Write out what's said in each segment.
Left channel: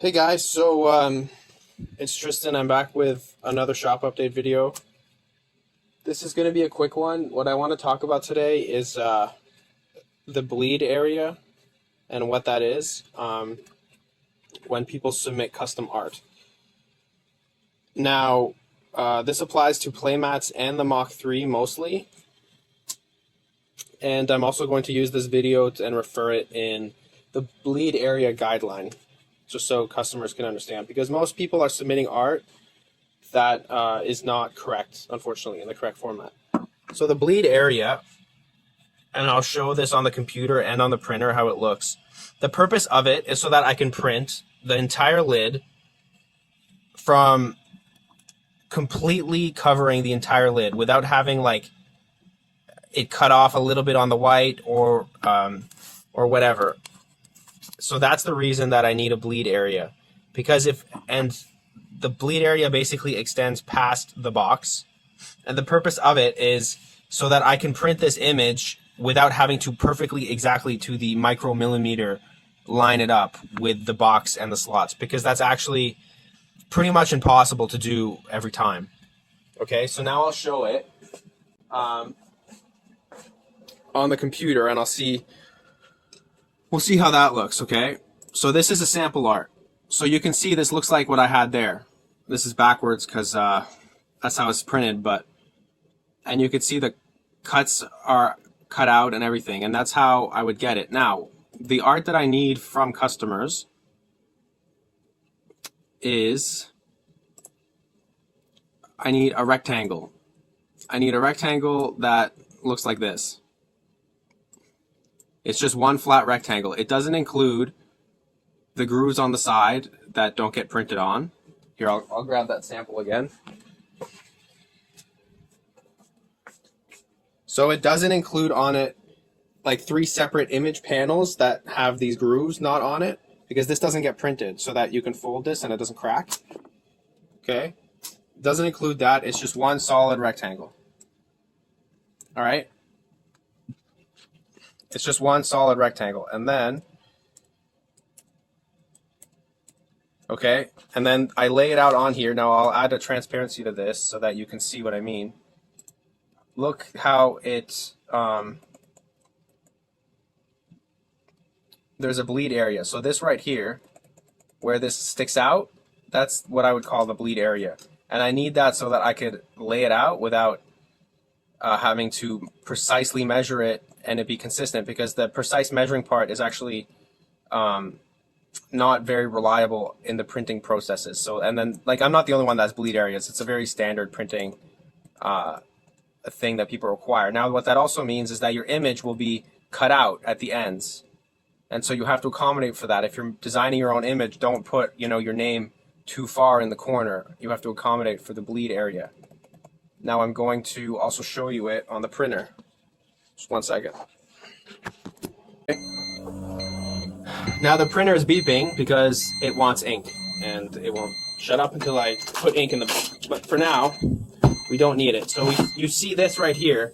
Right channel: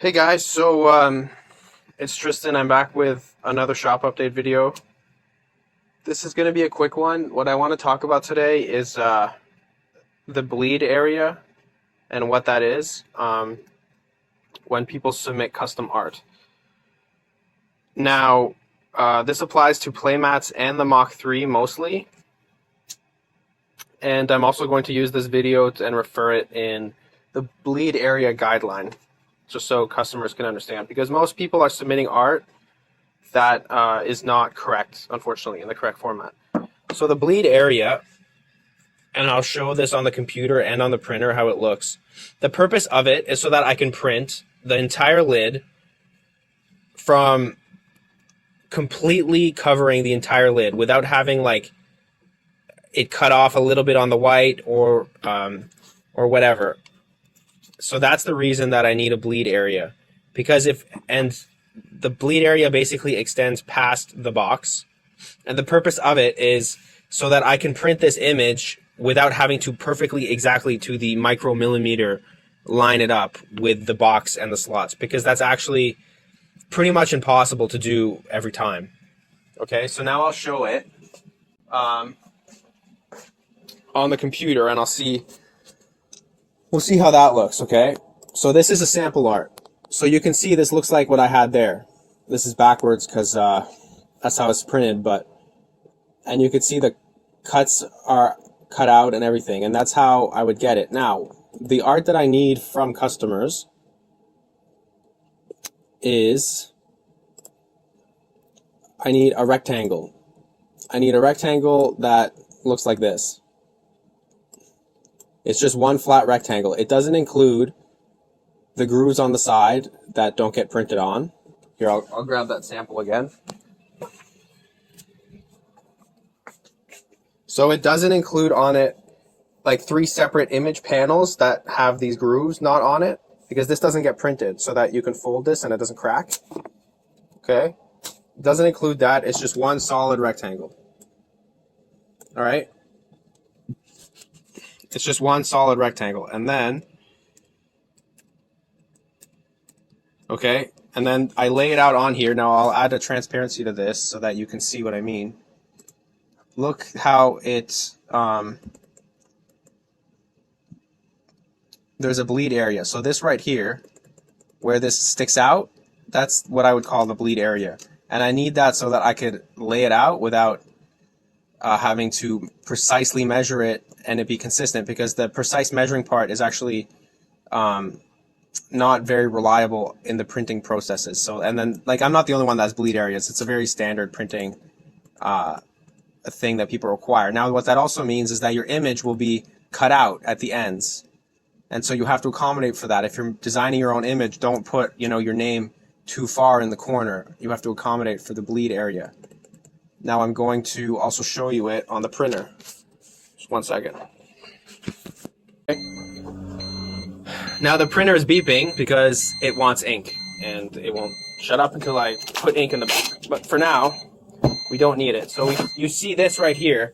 Hey guys, so it's Tristan. I'm back with another shop update video. This is going to be a quick one. What I want to talk about today is the bleed area and what that is when people submit custom art. Now, this applies to playmats and the Mach 3 mostly. And I'm also going to use this video and refer it in the bleed area guideline, just so customers can understand, because most people are submitting art that is not correct, unfortunately, in the correct format. So the bleed area, and I'll show this on the computer and on the printer how it looks. The purpose of it is so that I can print the entire lid from completely covering the entire lid without having like it cut off a little bit on the white or whatever. So that's the reason that I need a bleed area, because the bleed area basically extends past the box, and the purpose of it is so that I can print this image without having to perfectly exactly to the micromillimeter line it up with the box and the slots, because that's actually pretty much impossible to do every time. Okay, so now I'll show it on the computer, and we'll see how that looks. Okay, so this is a sample art. So you can see this looks like what I had there. This is backwards because that's how it's printed, and you can see the cuts are cut out and everything, and that's how I would get it. Now, the art that I need from customers is I need a rectangle. I need a rectangle that looks like this. It's just one flat rectangle. It doesn't include the grooves on the side that don't get printed on. Here, I'll grab that sample again. So it doesn't include on it like 3 separate image panels that have these grooves not on it, because this doesn't get printed so that you can fold this and it doesn't crack. Okay? It doesn't include that. It's just one solid rectangle. All right? It's just one solid rectangle. And then, okay, and then I lay it out on here. Now I'll add a transparency to this so that you can see what I mean. Look how it's, there's a bleed area. So this right here, where this sticks out, that's what I would call the bleed area. And I need that so that I could lay it out without having to precisely measure it and it be consistent, because the precise measuring part is actually not very reliable in the printing processes. So, and then, like, I'm not the only one that has bleed areas. It's a very standard printing thing that people require. Now, what that also means is that your image will be cut out at the ends. And so you have to accommodate for that. If you're designing your own image, don't put, your name too far in the corner. You have to accommodate for the bleed area. Now I'm going to also show you it on the printer. Just one second. Now the printer is beeping because it wants ink, and it won't shut up until I put ink in the book. But for now, we don't need it. So you see this right here.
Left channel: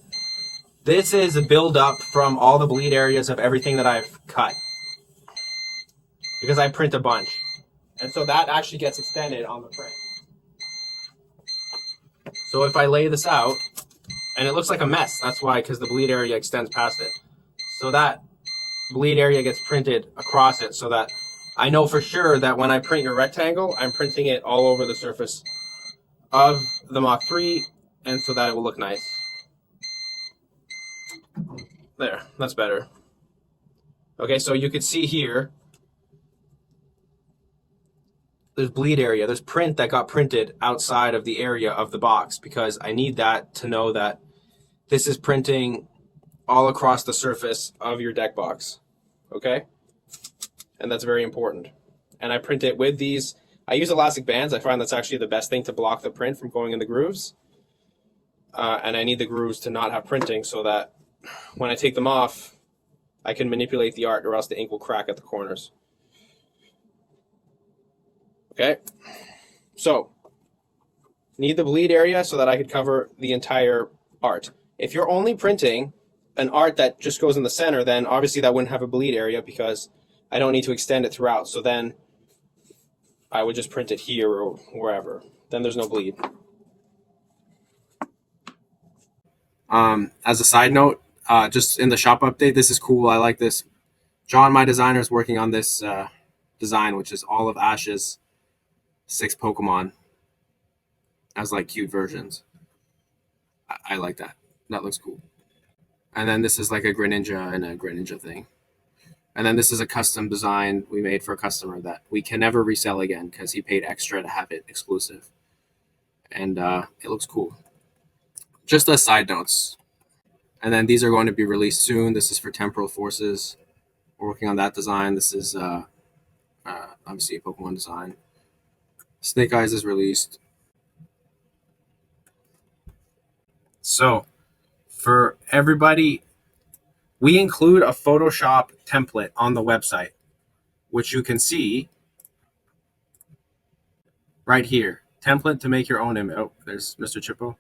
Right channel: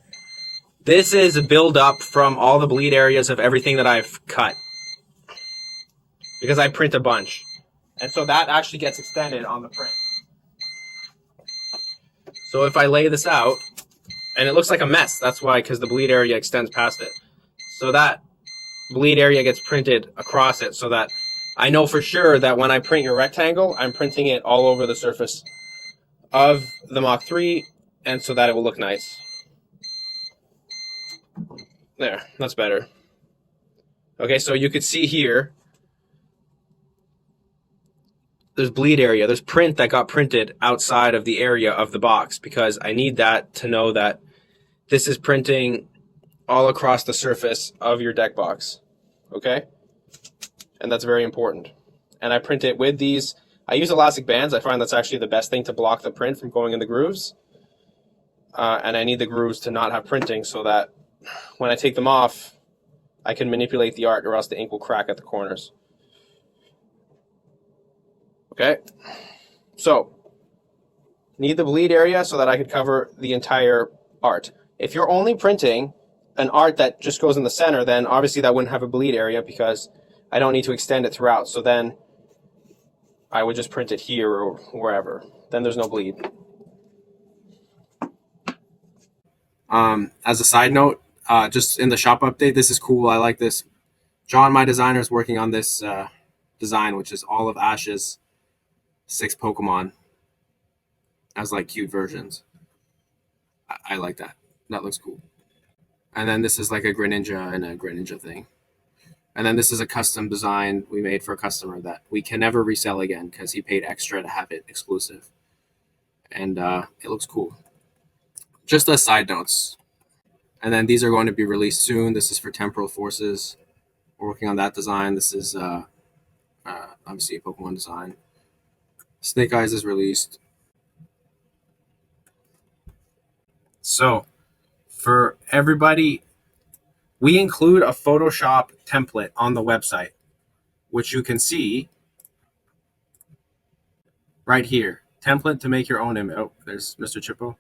This is a build-up from all the bleed areas of everything that I've cut, because I print a bunch. And so that actually gets extended on the print. So if I lay this out, and it looks like a mess, that's why, because the bleed area extends past it. So that bleed area gets printed across it, so that I know for sure that when I print your rectangle, I'm printing it all over the surface of the Mach 3, and so that it will look nice. There, that's better. Okay, so you can see here, there's bleed area, there's print that got printed outside of the area of the box, because I need that to know that this is printing all across the surface of your deck box. Okay? And that's very important. And I print it with these. I use elastic bands. I find that's actually the best thing to block the print from going in the grooves. And I need the grooves to not have printing so that when I take them off, I can manipulate the art, or else the ink will crack at the corners. Okay, so need the bleed area so that I could cover the entire art. If you're only printing an art that just goes in the center, then obviously that wouldn't have a bleed area because I don't need to extend it throughout. So then I would just print it here or wherever. Then there's no bleed. As a side note, just in the shop update, this is cool. I like this. John, my designer, is working on this design, which is all of Ash's 6 Pokemon as like cute versions. I like that. That looks cool. And then this is like a Greninja and a Greninja thing. And then this is a custom design we made for a customer that we can never resell again because he paid extra to have it exclusive. And it looks cool. Just as side notes. And then these are going to be released soon. This is for Temporal Forces. We're working on that design. This is obviously a Pokemon design. Snake Eyes is released. So for everybody, we include a Photoshop template on the website, which you can see right here. Template to make your own image. Oh, there's Mr. Chippo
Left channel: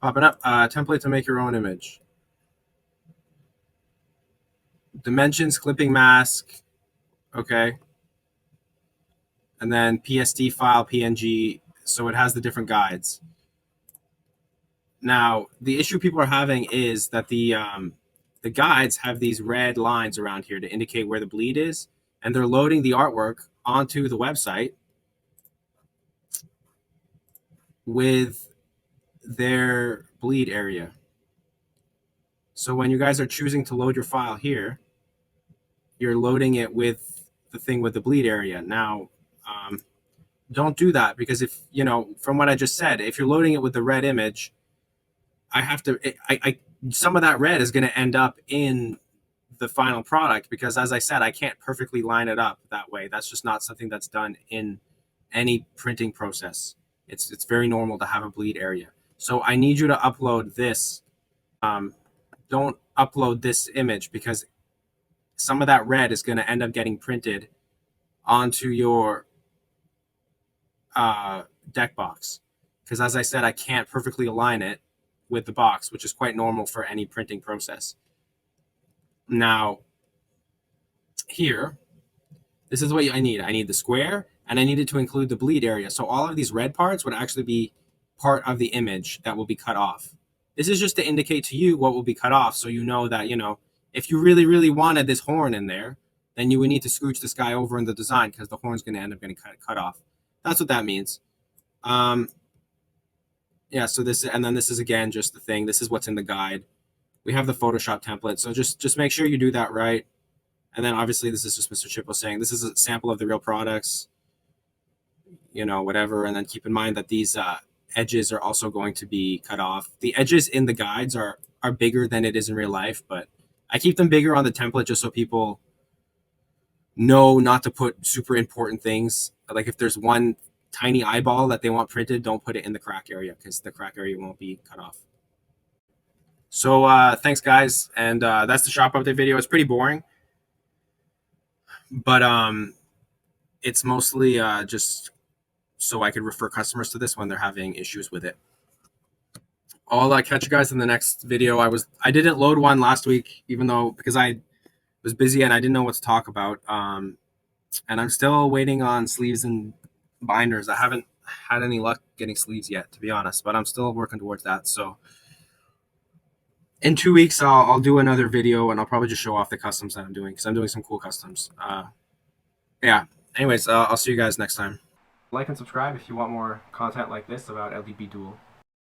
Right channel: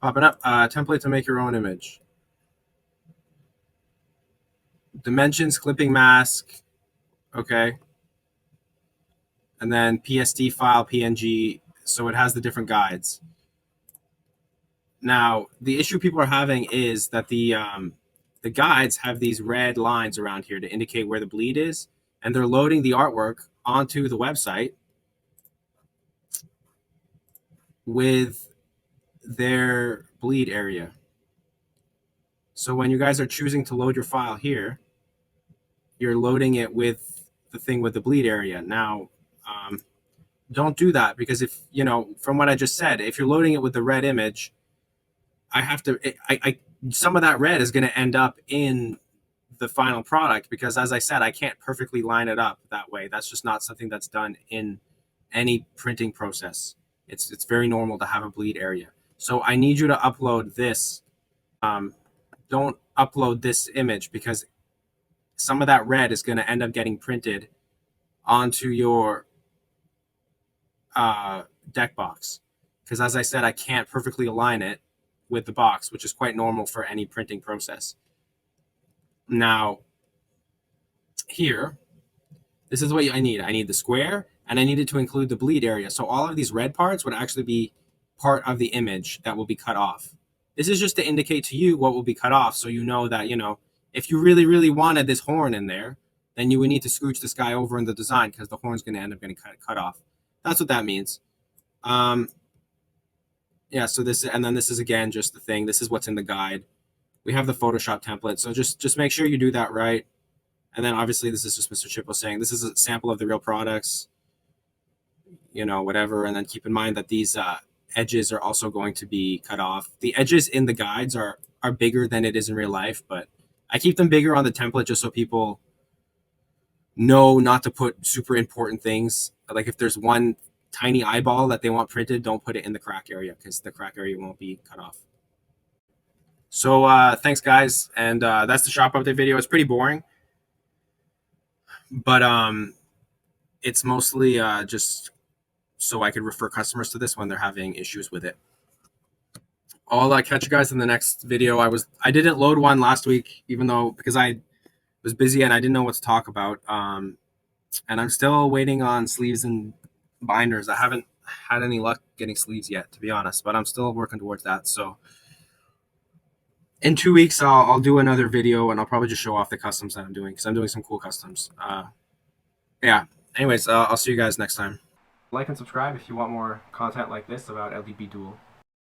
popping up. Template to make your own image. Dimensions, clipping mask. Okay. And then PSD file, PNG. So it has the different guides. Now, the issue people are having is that the guides have these red lines around here to indicate where the bleed is, and they're loading the artwork onto the website with their bleed area. So when you guys are choosing to load your file here, you're loading it with the thing with the bleed area. Now, don't do that, because if, you know, from what I just said, if you're loading it with the red image, I have to, some of that red is going to end up in the final product, because as I said, I can't perfectly line it up that way. That's just not something that's done in any printing process. It's very normal to have a bleed area. So I need you to upload this. Don't upload this image, because some of that red is going to end up getting printed onto your deck box. Because as I said, I can't perfectly align it with the box, which is quite normal for any printing process. Now, here, this is what I need. I need the square, and I needed to include the bleed area. So all of these red parts would actually be part of the image that will be cut off. This is just to indicate to you what will be cut off, so you know that, you know, if you really, really wanted this horn in there, then you would need to scooch this guy over in the design, because the horn's going to end up getting cut off. That's what that means. Yeah, so this, and then this is again just the thing. This is what's in the guide. We have the Photoshop template, so just make sure you do that right. And then obviously this is just Mr. Chippo saying this is a sample of the real products, you know, whatever. And then keep in mind that these edges are also going to be cut off. The edges in the guides are bigger than it is in real life, but I keep them bigger on the template just so people know not to put super important things. Like if there's one tiny eyeball that they want printed, don't put it in the crack area, because the crack area won't be cut off. So thanks, guys. And that's the shop update video. It's pretty boring, but it's mostly just so I could refer customers to this when they're having issues with it. I'll catch you guys in the next video. I didn't load one last week, even though, because I was busy and I didn't know what to talk about. And I'm still waiting on sleeves and binders. I haven't had any luck getting sleeves yet, to be honest, but I'm still working towards that. So in 2 weeks, I'll do another video, and I'll probably just show off the customs that I'm doing, because I'm doing some cool customs. Yeah. Anyways, I'll see you guys next time. Like and subscribe if you want more content like this about LDB Duel.